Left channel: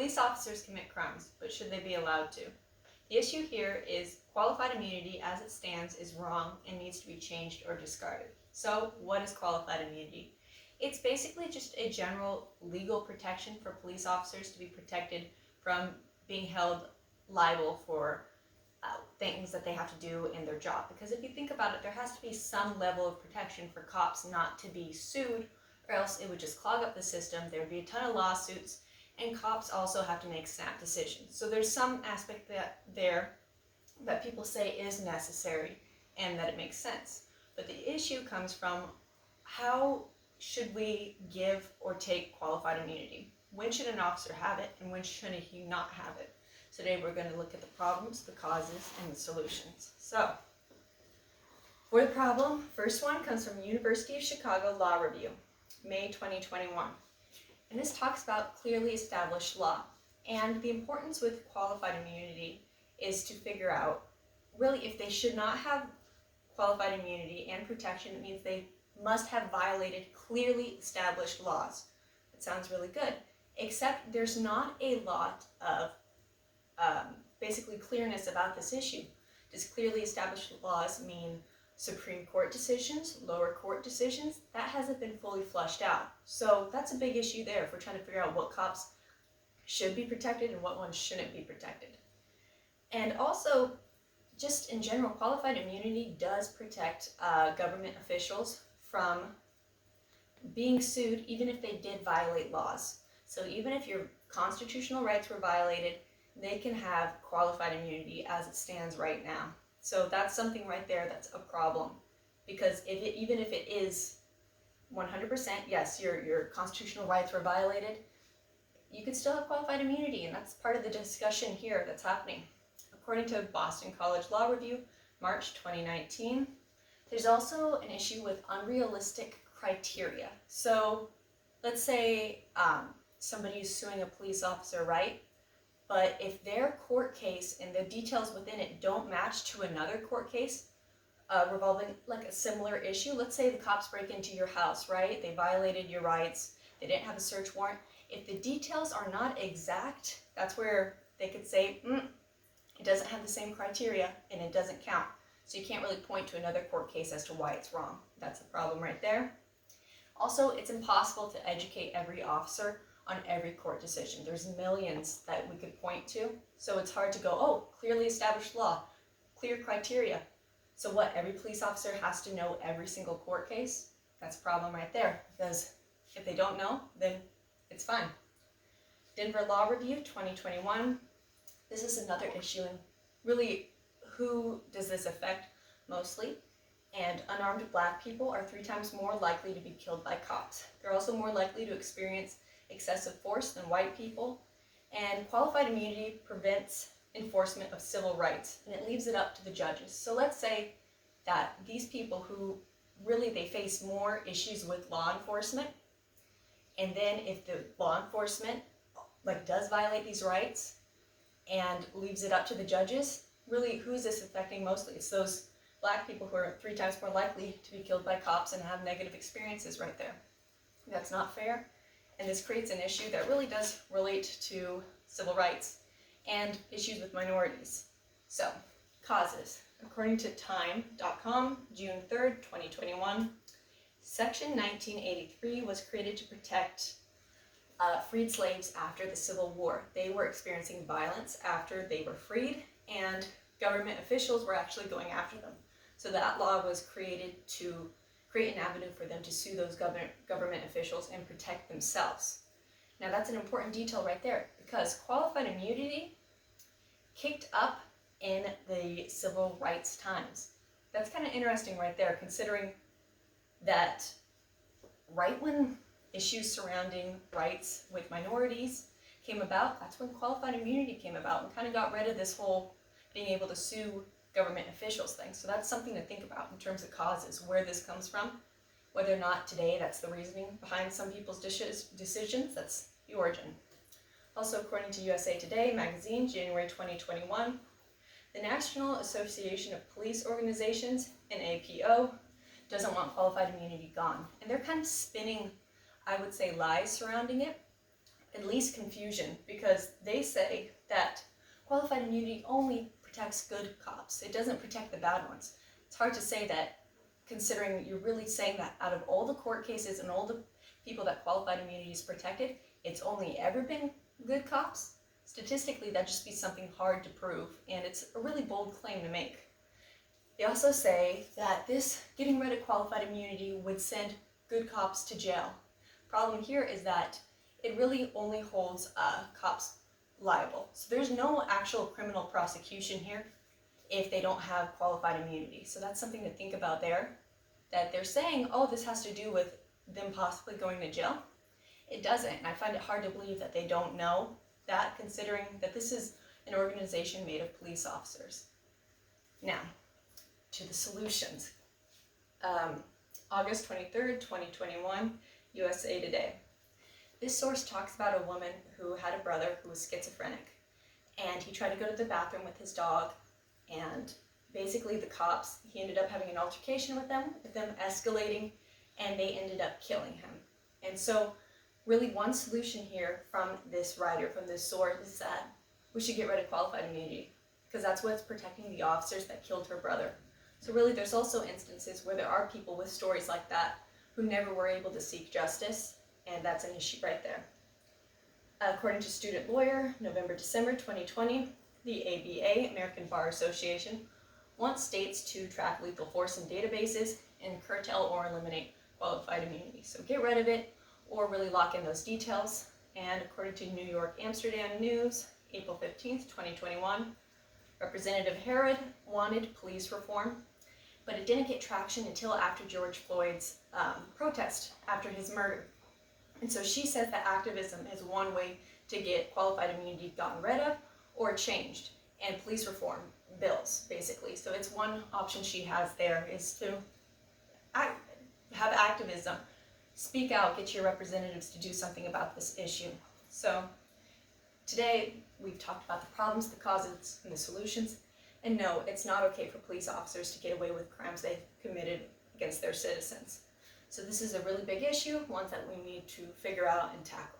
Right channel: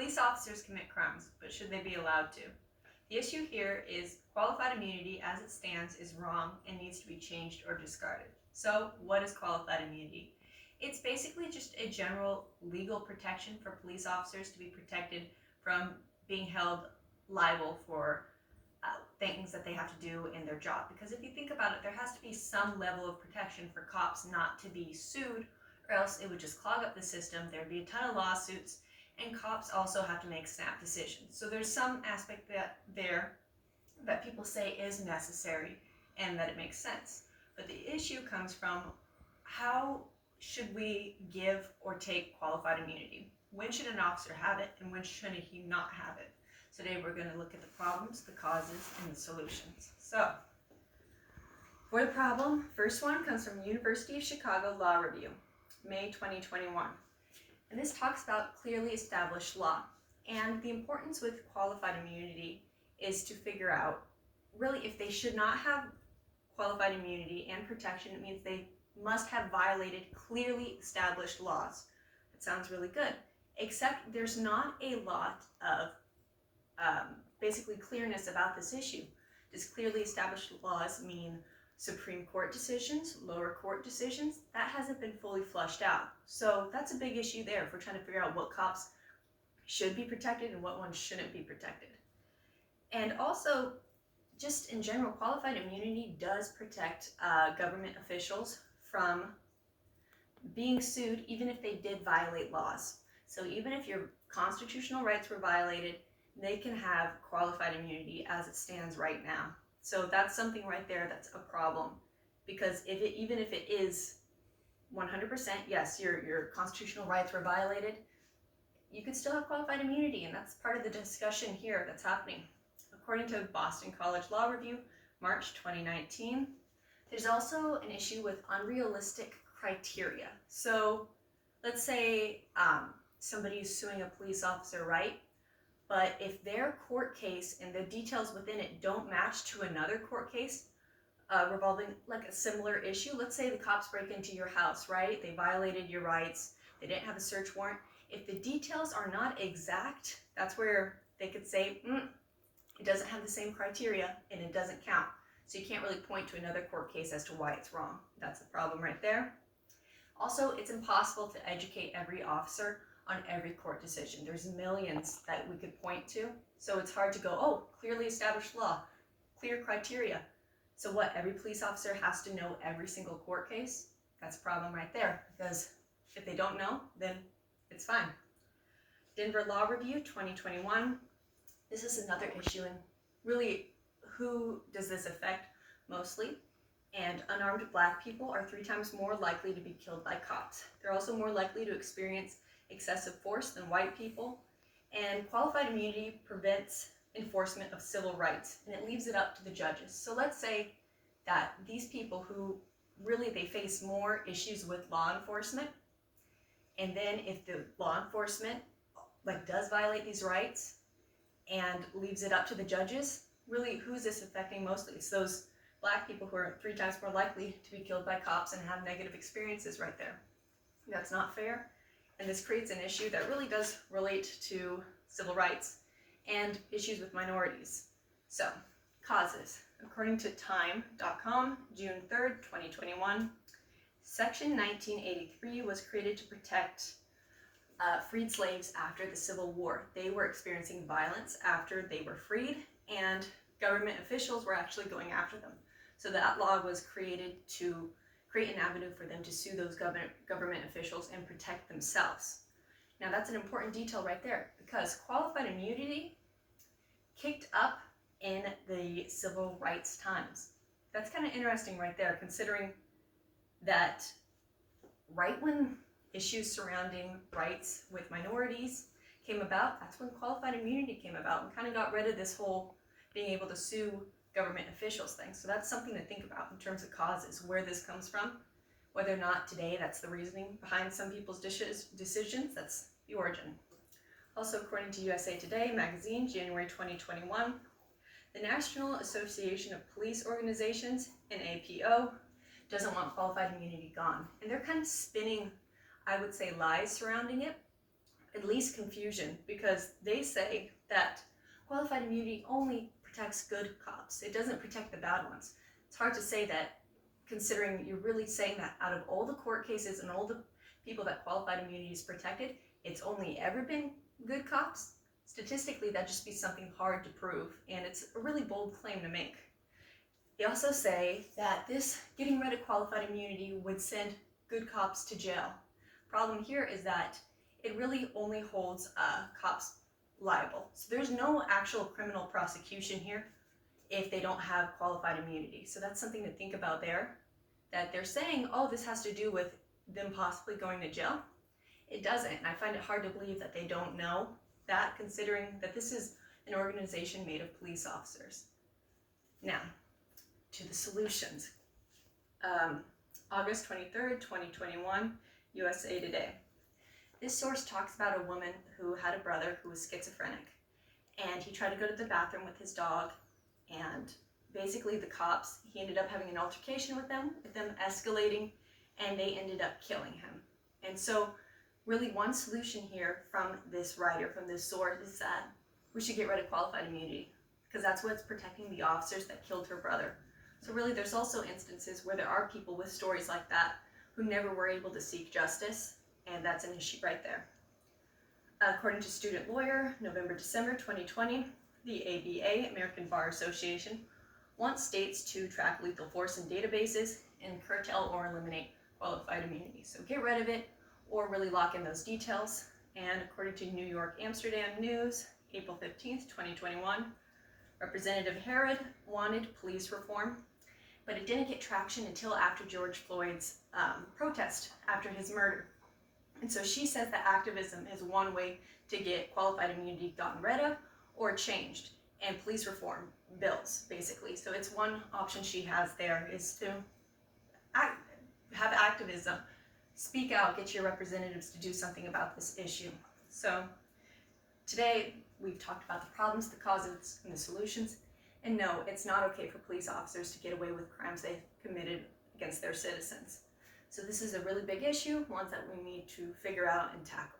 Police officers commit crimes, but should they be allowed to? The issue here is qualified immunity as it stands is wrong and needs to be changed or discarded. So what is qualified immunity? It's basically just a general legal protection for police officers to be protected from being held liable for things that they have to do in their job. Because if you think about it, there has to be some level of protection for cops not to be sued, or else it would just clog up the system. There'd be a ton of lawsuits, and cops also have to make snap decisions. So there's some aspect that people say is necessary and that it makes sense. But the issue comes from how should we give or take qualified immunity? When should an officer have it, and when should he not have it? Today we're going to look at the problems, the causes, and the solutions. So, for the problem, first one comes from University of Chicago Law Review, May 2021. And this talks about clearly established law. And the importance with qualified immunity is to figure out, really, if they should not have qualified immunity and protection, it means they must have violated clearly established laws. It sounds really good, except there's not a lot of basically clearness about this issue. Does clearly established laws mean Supreme Court decisions, lower court decisions? That hasn't been fully fleshed out. So that's a big issue there if we're trying to figure out what cops should be protected and what ones shouldn't be protected. And also, just in general, qualified immunity does protect government officials from being sued even if they did violate laws. So even if your constitutional rights were violated, they can have qualified immunity as it stands right now. So that's something right there that's a problem, because even if it is 100%, yes, your constitutional rights were violated, you could still have qualified immunity, and that's part of the discussion here that's happening. According to Boston College Law Review, March 2019, there's also an issue with unrealistic criteria. So let's say somebody is suing a police officer, right? But if their court case and the details within it don't match to another court case revolving like a similar issue, let's say the cops break into your house, right? They violated your rights, they didn't have a search warrant. If the details are not exact, that's where they could say, it doesn't have the same criteria and it doesn't count. So you can't really point to another court case as to why it's wrong. That's the problem right there. Also, it's impossible to educate every officer on every court decision. There's millions that we could point to. So it's hard to go, oh, clearly established law, clear criteria. So what, every police officer has to know every single court case? That's a problem right there, because if they don't know, then it's fine. Denver Law Review 2021. This is another issue, and really, who does this affect mostly? And unarmed Black people are 3 times more likely to be killed by cops. They're also more likely to experience excessive force than white people. And qualified immunity prevents enforcement of civil rights, and it leaves it up to the judges. So let's say that these people who really, they face more issues with law enforcement, and then if the law enforcement does violate these rights and leaves it up to the judges, really, who's this affecting mostly? It's those Black people who are 3 times more likely to be killed by cops and have negative experiences right there. That's not fair, and this creates an issue that really does relate to civil rights and issues with minorities. So, causes. According to Time.com, June 3rd, 2021, Section 1983 was created to protect freed slaves after the Civil War. They were experiencing violence after they were freed, and government officials were actually going after them. So that law was created to create an avenue for them to sue those government officials and protect themselves. Now that's an important detail right there, because qualified immunity kicked up in the civil rights times. That's kind of interesting right there, considering that right when issues surrounding rights with minorities came about, that's when qualified immunity came about and kind of got rid of this whole being able to sue government officials thing. So that's something to think about in terms of causes, where this comes from, whether or not today that's the reasoning behind some people's decisions, that's the origin. Also, according to USA Today magazine, January 2021, the National Association of Police Organizations, NAPO, doesn't want qualified immunity gone. And they're kind of spinning, I would say, lies surrounding it. at least confusion, because they say that qualified immunity only protects good cops. It doesn't protect the bad ones. It's hard to say that, considering you're really saying that out of all the court cases and all the people that qualified immunity is protected, it's only ever been good cops. Statistically, that'd just be something hard to prove, and it's a really bold claim to make. They also say that this getting rid of qualified immunity would send good cops to jail. Problem here is that it really only holds cops liable. So there's no actual criminal prosecution here if they don't have qualified immunity. So that's something to think about there, that they're saying, oh, this has to do with them possibly going to jail. It doesn't, and I find it hard to believe that they don't know that, considering that this is an organization made of police officers. Now, to the solutions. August 23rd, 2021, USA Today. This source talks about a woman who had a brother who was schizophrenic, and he tried to go to the bathroom with his dog, and basically the cops, he ended up having an altercation with them escalating, and they ended up killing him. And so really one solution here from this writer, from this source, is that we should get rid of qualified immunity, because that's what's protecting the officers that killed her brother. So really there's also instances where there are people with stories like that who never were able to seek justice, and that's an issue right there. According to Student Lawyer, November-December 2020, the ABA, American Bar Association, wants states to track lethal force in databases and curtail or eliminate qualified immunity. So get rid of it or really lock in those details. And according to New York Amsterdam News, April 15th, 2021, Representative Herod wanted police reform, but it didn't get traction until after George Floyd's protest after his murder. And so she says that activism is one way to get qualified immunity gotten rid of or changed, and police reform bills, basically. So it's one option she has there, is to have activism, speak out, get your representatives to do something about this issue. So today we've talked about the problems, the causes, and the solutions. And no, it's not okay for police officers to get away with crimes they've committed against their citizens. So this is a really big issue, one that we need to figure out and tackle.